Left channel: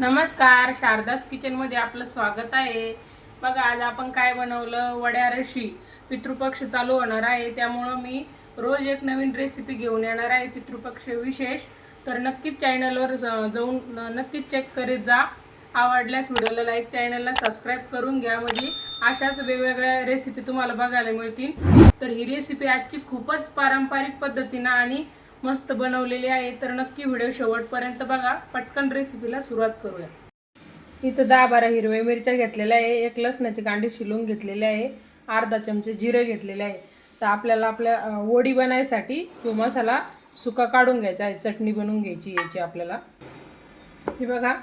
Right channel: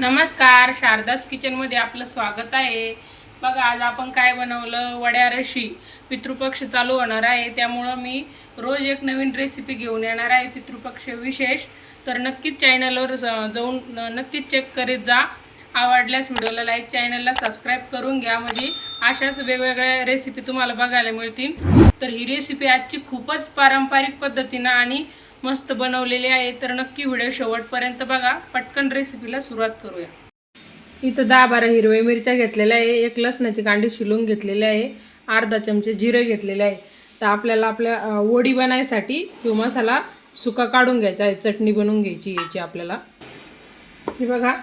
नमस्कार शारदास किचनमध्ये आपलं स्वागत आहे. बघा आज आपण काय बनवलं? वड्या रशी. पितृपक्ष चालू होणार आहे. त्यामुळं मी रोज एक नवीन रेसिपी घेऊन येणार आहे पितृपक्ष विशेष. तर नक्कीच चॅनलवर जाऊन नक्कीच चेक करीत जा. आवडल्यास व्हिडिओला लाईक चॅनलला सबस्क्राईब करून घ्या. म्हणजे अशाच वेगवेगळ्या रेसिपी तुम्हाला बघायला मिळतील. तर ही रेसिपी आजची खूपच पारंपरिक पद्धतीनं आणि मस्त बनवलेली आहे. तर नक्की व्हिडिओ शेवटपर्यंत बघा. पटकन रेसिपीला सुरुवात करूया. इथं दहा बारा हिरव्या मिरच्या घेतलेल्या आहे. एक लसणाची कांडी शिलून घेतलेली आहे. अर्धा चमचे जिरे घेतलेले आहे. तर आपल्याला आपल्या वडी बनायसाठी तो मसाला सुका काढून घ्यायचा आहे. चटणी बनवून घ्यायची याची आपल्याला. हे बघा.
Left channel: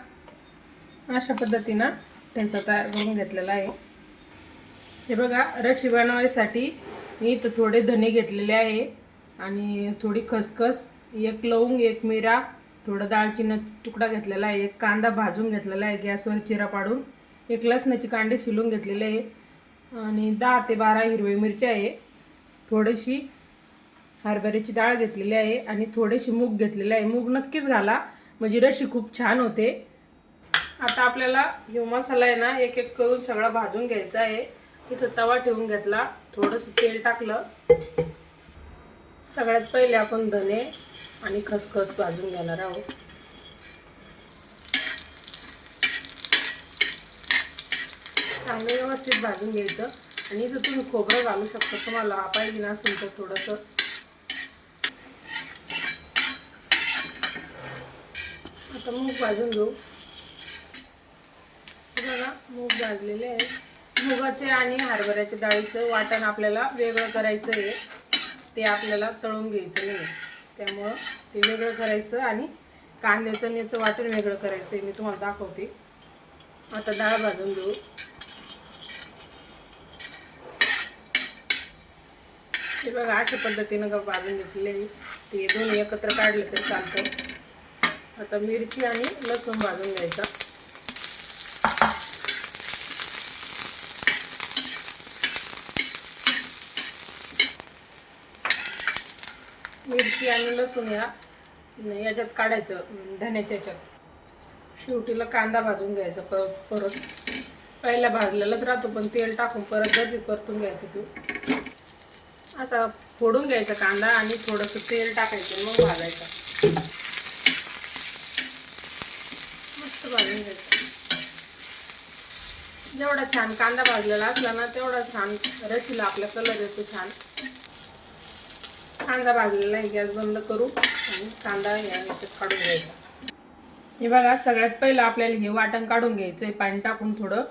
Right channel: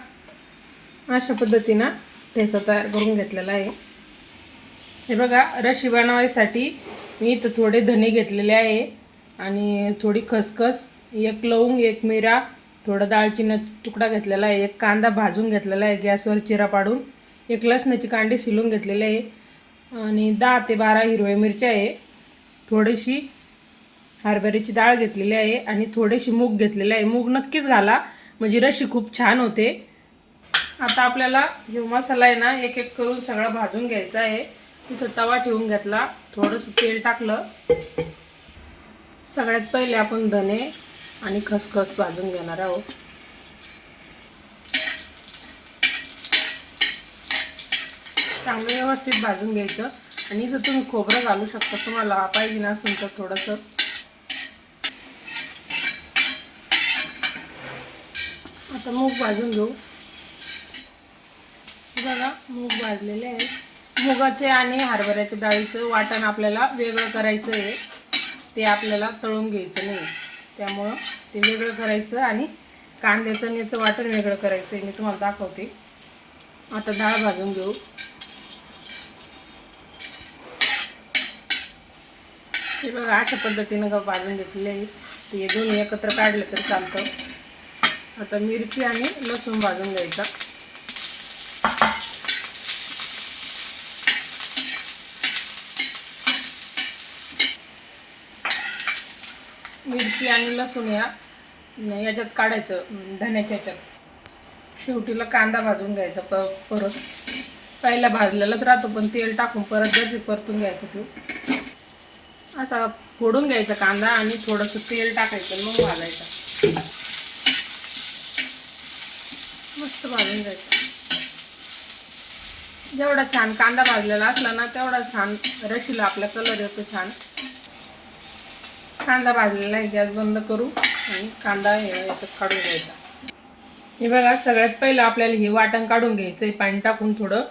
अशा पद्धतीनं ठेचा तयार करून घेतलेला आहे. हे बघा रशी बनवायसाठी मी इथं थोडे धने घेतलेले आहे. आणि थोडी खसखस एक लवंग एक मिरा थोडं दालचिनी तुकडा घेतलेला आहे एक कांदा भाजून घेतलेला आहे गॅसवर चिरा पाडून एक लसणाची कांडी शिलून घेतलेली आहे आणि दहा ते बारा हिरव्या मिरच्या आहे. थोडीशी हरभऱ्याची डाळ घेतलेली आहे आणि थोडीशी मूग घेतलेली आहे. मूग नक्कीच घाला म्हणजे रशी खूप छान होते. आता आपल्याला ह्यो मसाला आहे ना एक एक करून सगळा भाजून घ्यायचा आहे. इथं तवा ठेवून घेतला थोडंसं तेल टाकलं. सगळ्यात पहिले आपण धने आणि खसखस भाजून घेणार आहोत. चांगलं व्यवस्थित भाजून घ्यायचं. आणि इथं तुम्ही खोबरं घालू शकता. तुम्हाला पाहिजे नसेल तर थोडंसं. आता मूग भाजून घेऊ. बघा मूग भाजलेले आहे मुगाचे आणि हरभऱ्याच्या डाळीचं वाटण आपल्याला वेगळं करायचं आहे ते आपल्याला तळून घ्यायचं नाही. त्यामुळं ते वेगळं करायचं आणि कांद्याचं आणि याचं वाटण वेगळं करायचं आहे मी तुम्हाला दाखवते. आता डाळ भाजून घेऊ. हे बघा अशा पद्धतीनं का भाजून घेतलेले ते दोन्ही एकत्र काढलं तर चालतं. आता मिरची आणि लसूण भाजून घ्यायचा. मिरची आणि लसूण या याच्यात काढायचं धन्याच्या धण्याच्या याच्यात. शेवटीला कांदा भाजून घ्यायचा प परत. पहिला भाजलेलाच राहतो पण तेल टाकून परत त्याची परतून घ्यायचं तू. असा फोडून घ्यायचा कांदा आणि थोडंसं तेल टाकायचं मग भाजायचं. मस्त भाजून घ्यायचं. जेवढा छान कांदा भाजलेला असला ना तेवढा छान रशीला आपला कलर येतो छान. कांदा भाजलेला आहे गॅस बंद करू आणि कांदा याच्यात काढून घ्यायचा. हे बघा सगळ्यात पहिलं आपल्याला हे वाटण काढून घ्यायचं आहे पाणी टाकून थोडं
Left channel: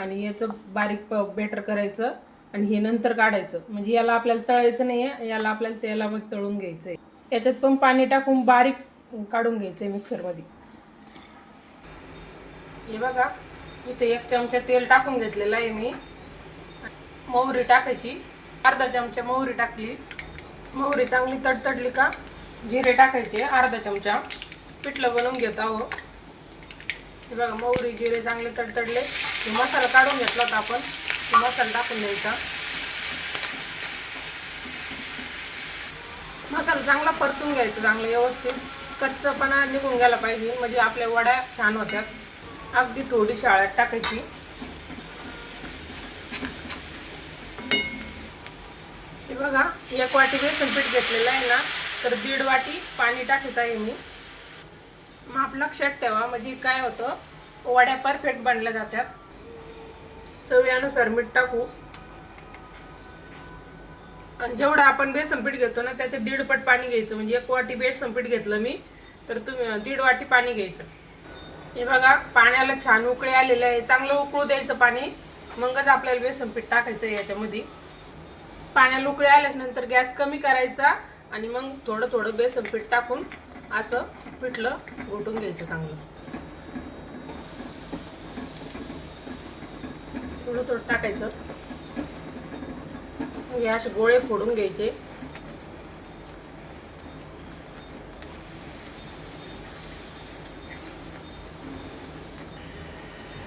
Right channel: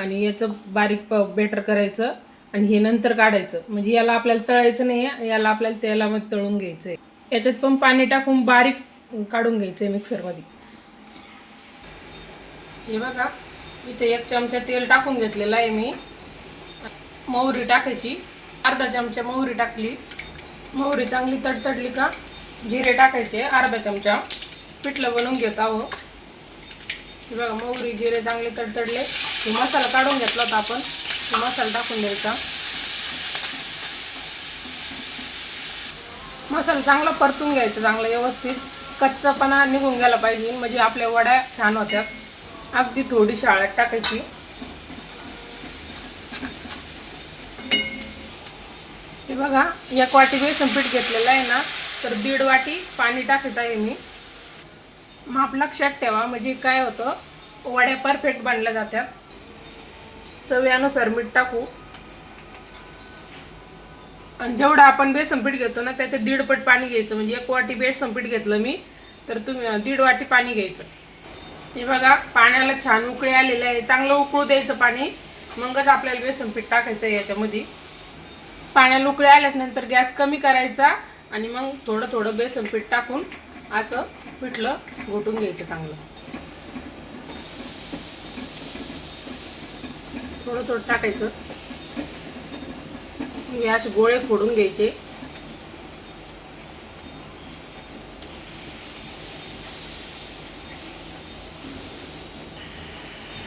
आणि याचं बारीक प बेटर करायचं आणि हे नंतर काढायचं. म्हणजे याला आपल्याला तळायचं नाही याला आपल्याला तेलामध्ये तळून घ्यायचं आहे याच्यात पण पाणी टाकून बारीक काढून घ्यायचं आहे मिक्सरमध्ये. हे बघा इथे एक चमचा तेल टाकून घेतलेलं आहे मी. मोहरी टाकायची. अर्धा चमचा मोहरी टाकली. मोहरी चांगली तडतडली का? जिरे टाकायचे अर्धा चमचा. पिठलं बनवून घेत आहो. बघा मोहरी जिरे चांगले तडतडले. मसाला काढून घेतला होता आपण. मसाला टाकून द्यायचा. मसाला चांगला परतून घ्यायचा चांगला व्यवस्थित. कच्चापणा निघून गेला पाहिजे. म्हणजे आपल्या वड्या छान होत्यात अगदी थोडी शाळेत टाकायची. हे बघा एक वाटी बेसन पीठ घेतलेलं आहे ना तर दीड वाटी पाणी टाकत आहे मी. माप लक्षात ठेवा म्हणजे काय होतं वड्या परफेक्ट बनल्या जात्या. चव्यानुसार मीठ टाकू. आणि जेवढं आपण बेसन पीठ घेतो ना त्याचे दीडपट पाणी घ्यायचं म्हणजे एक वाटी बेसन पीठ घेतलं मी तर तुम्ही दीड वाटी पाणी घ्यायचं. हे बघा पाण्याला छान उकळी आलेले आहे. चांगलं उकळू द्यायचं पाणी. मगच आपल्याला बेसन पीठ टाकायचं आहे याच्यामध्ये. पाण्याला उकळी आल्याच नंतर गॅस कमी करायचा आणि मग थोडं थोडं बेसन पीठ टाकून असं पिठलं घोटून घ्यायचं चांगलं. थोडं थोडं टाकायचं. हे असे गोळे फोडून घ्यायचे.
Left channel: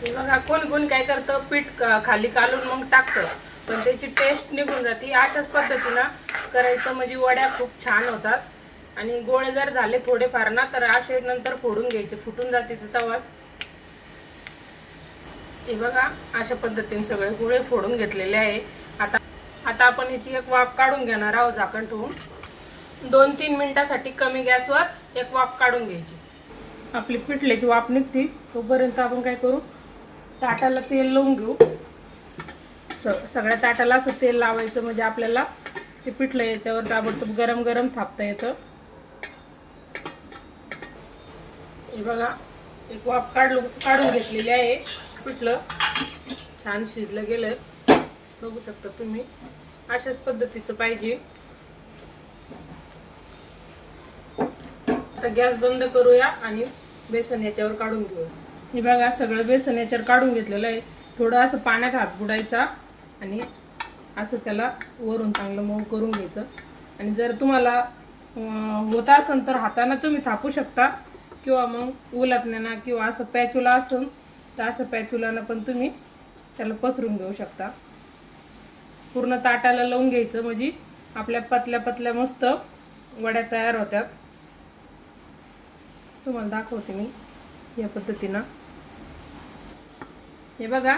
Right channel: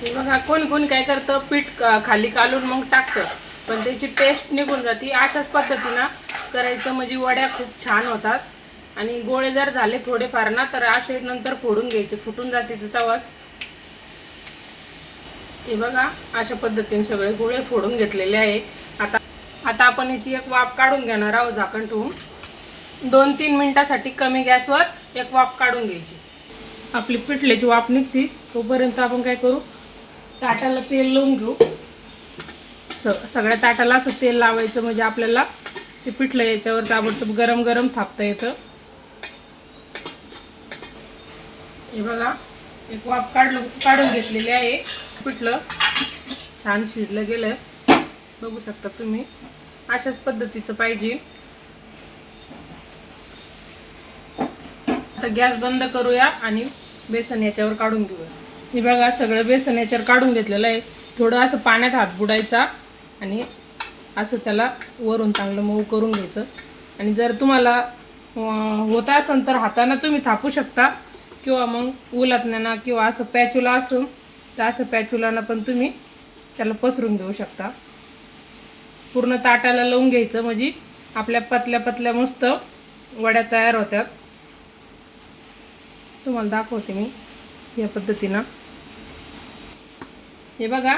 हे कोणी कोणी काय करतं पीठ खाली कालून मग टाकतं. पण त्याची टेस्ट निघून जाते. अशाच पद्धतीनं करायचं म्हणजे वड्या खूप छान होतात. आणि गोळे जर झाले थोडेफार ना तर असे नंतर फोडून घ्यायचे. फुटून जाते ते तवाच हे बघा अशा पद्धतीने सगळे गोळे फोडून घेतलेले आहे. आता आता आपण ह्याची एक वाफ काढून घेणार आहोत झाकण ठेवून दोन तीन मिनटासाठी कमी गॅसवर एक वाफ काढून घ्यायची. आपली पिठल्याची वाफ निघते. तोपर्यंत आपण काय करू? ताटाला तेल लावून घेऊ. असं सगळ्या ताटाला असं तेल लावायचं म्हणजे आपल्याला ते पिठलं याच्यावर ताबडतोब गरम गरम थापता येतं. हे बघा एक वाफ काढलं काढून घेतलेली आहे पिठलं. छान शिजलं गेलं. बघू शकता तुम्ही अशाच पद्धतीचं पाहिजे. आता गॅस बंद करूया आणि बेसन याच्यावर काढून घेऊया. हे बघा सगळं बेसन याच्यावर काढून घेतलेलं आहे. थोडं असं पाण्यात हात बुडायचा आणि असं त्याला वरून चांगलं मऊ करून घ्यायचं. आणि जर तुम्हाला होत असेल तर हातानं तुम्ही थापू शकता किंवा मग उलटण्यानं किंवा असं पॅचुला असेल तर असं पॅचुलानं पण तुम्ही त्याला पसरून घेऊ शकता. पूर्ण ताटाला लावून घ्यायचं म्हणजे आपल्या पतल्या पतल्या मस्त वड्या तयार होत्यात तुम्हाला दाखवते मी या पद्धतीनं. हे बघा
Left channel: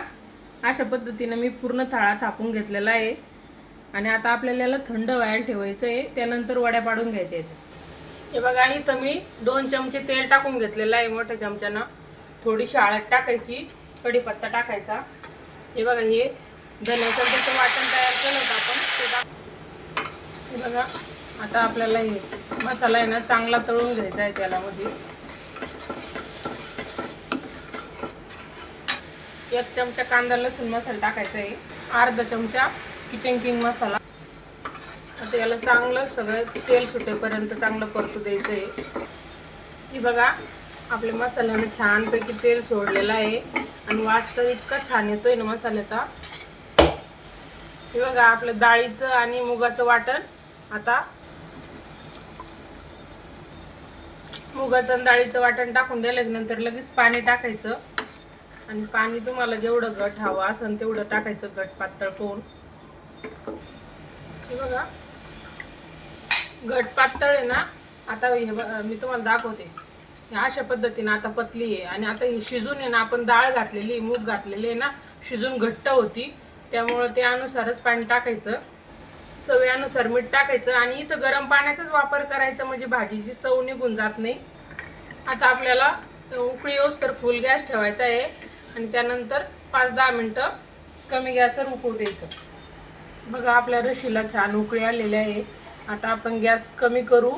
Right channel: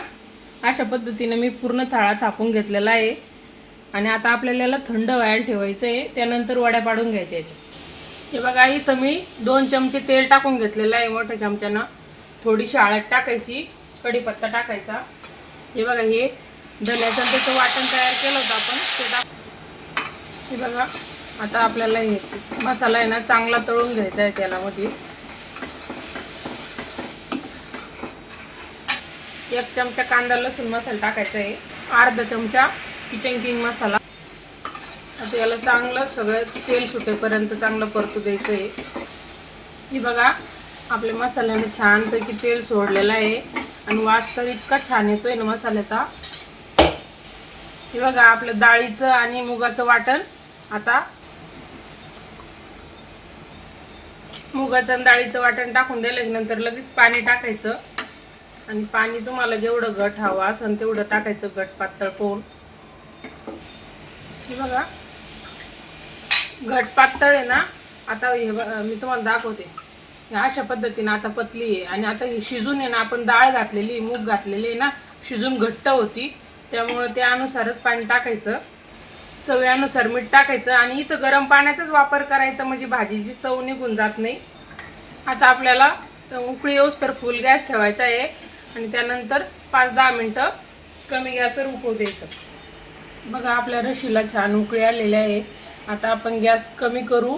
अशा पद्धतीने मी पूर्ण थाळा थापून घेतलेला आहे. आणि आता आपल्याला याला थंड व्हायला ठेवायचं आहे त्यानंतर वड्या पाडून घ्यायच्या याच्या हे बघा इथं मी दोन चमचे तेल टाकून घेतलेलं आहे मोठ्या चमच्यानं. थोडीशी हळद टाकायची कढीपत्ता टाकायचा. हे बघा हे धन्याचं त्याचं वाटण तयार केलं होतं आपण ते हे बघा आता आपल्याला हे मसाला आहे ना चांगला तळून घ्यायचा आहे तेलामध्ये. एक चमचा कांदा लसूण मसाला टाकायचा आहे. अर्धा चमचा किचन किंग मसाला. आता याला चांगलं सगळं तेल सुटेपर्यंत चांगलं परतू द्यायचं आहे हे बघा आपल्या मसाल्याने छानपैकी तेल सोडलेलं आहे. आणि वास तर इतका छान येतोय ना मसाल्याचा. हे बघा आपलं डाळीचं आणि मुगाचं वाटण. आता मुगाचं आणि डाळीचं वाटण टाकून दिल्यानंतर लगेच पाणी टाकायचं. आणि पाणी तुम्हाला जेवढं घट हवं असेल तेवढं टाकायचं घट पातळ पोहून हे बघा. घट पातळ आहे ना आता हे बघा, मी तुम्हाला दाखवते. अशा पद्धतीने आता पतली आहे आणि आता ही शिजून आहे ना आपण डाळ घातलेली आहे, मूग घातलेली आहे ना शिजून घट्ट होती. त्यामुळं त्यानुसारच पाणी टाकायचं. चवीनुसार मीठ टाकायचं आणि इथं गरम पाण्याचाच वापर करायचा म्हणजे भाजीची चव निघून जात नाही. आता आपल्याला उकळी येऊस तर फुल गॅस ठेवायचा आहे. आणि त्यानंतर पाच दहा मिनटं कमी गॅसवर उकळू द्यायचं. बघा आपल्या रशीला छान उकळी आलेली आहे. आता आपण गॅस कमी करू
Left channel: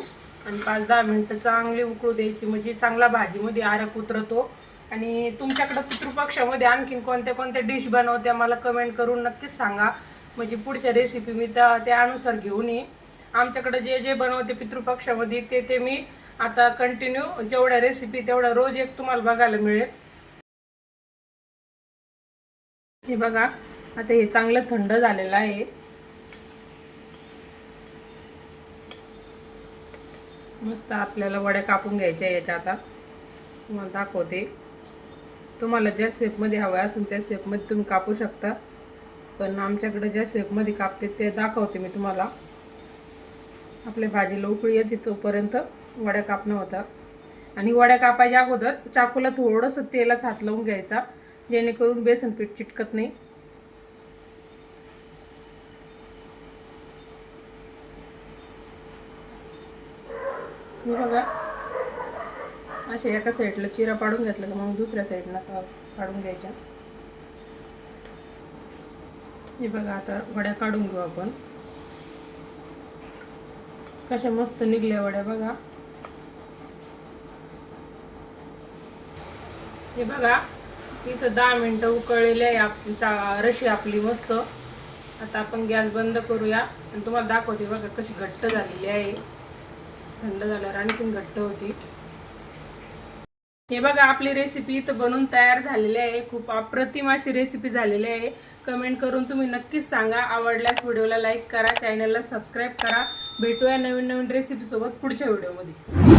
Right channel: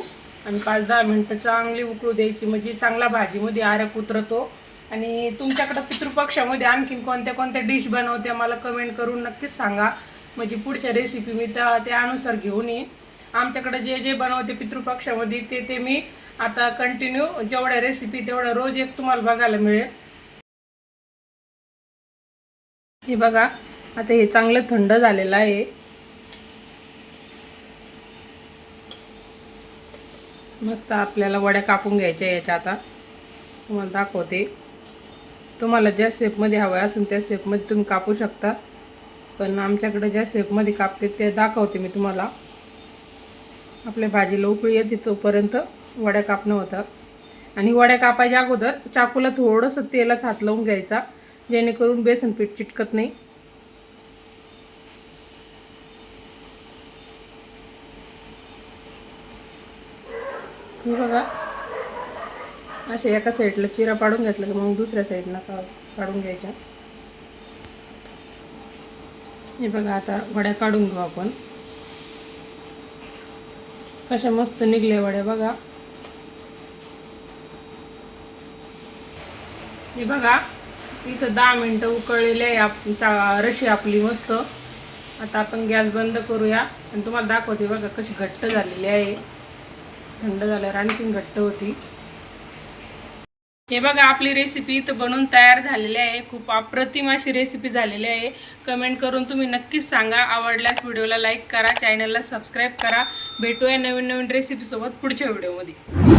आणि पाच दहा मिनटं चांगली उकळू द्यायची. म्हणजे चांगला भाजीमध्ये आरक उतरतो. आणि तुमच्याकडं पितृपक्षामध्ये आणखीन कोणत्या कोणत्या डिश बनवत्या मला कमेंट करून नक्कीच सांगा. म्हणजे पुढच्या रेसिपी मी त्या त्यानुसार घेऊन येईन. आमच्याकडे जे जे बनवते पितृपक्षामध्ये ते ते मी आता कंटिन्यू जेवढ्या रेसिपी तेवढ्या रोज एक तुम्हाला बघायला मिळेल. हे बघा आता हे चांगलं थंड झालेलं आहे. मस्त आपल्याला वड्या कापून घ्यायच्या याच्या आता. तुम्हाला दाखवते. तुम्हाला ज्या शेपमध्ये हवं असेल त्या शेपमध्ये तुम्ही कापू शकता. पण आमच्याकडे ज्या शेपमध्ये कापते ते दाखवते मी तुम्हाला. आपल्या भाजीला उकळी येते तोपर्यंत वड्या कापणं होतं. आणि वड्या कापायच्या अगोदर चाकूला थोडंसं तेलात हात लावून घ्यायचा. जेणेकरून बेसन पीठ चिटकत नाही. हे बघा. अशा एका साईडला चिरा पाडून घेतला की मग दुसऱ्या साईडला पाडून घ्यायच्या. हे बघा आता वड्या काढून घेऊ आपण. कशा मस्त निघल्या वड्या बघा. हे बघा. इथं दहा मिनटं उकळलेली आहे आप रशी आपली मस्त. आता आपण गॅस बंद करूया. आणि तुम्हाला दाखवते बघा कशी घट्ट झालेली आहे. थंड झाल्यावर आणखीन घट्ट होती. हे बघा आपली रेसिपी इथं बनवून तयार झालेली आहे. खूप अप्रतिम अशी रेसिपी झालेली आहे. कमेंट करून तुम्ही नक्कीच सांगा. आवडल्यास व्हिडिओला लाईक करा. चॅनलला सबस्क्राईब करा. भेटूया नवीन नवीन रेसिपीसोबत पुढच्या व्हिडिओमध्ये.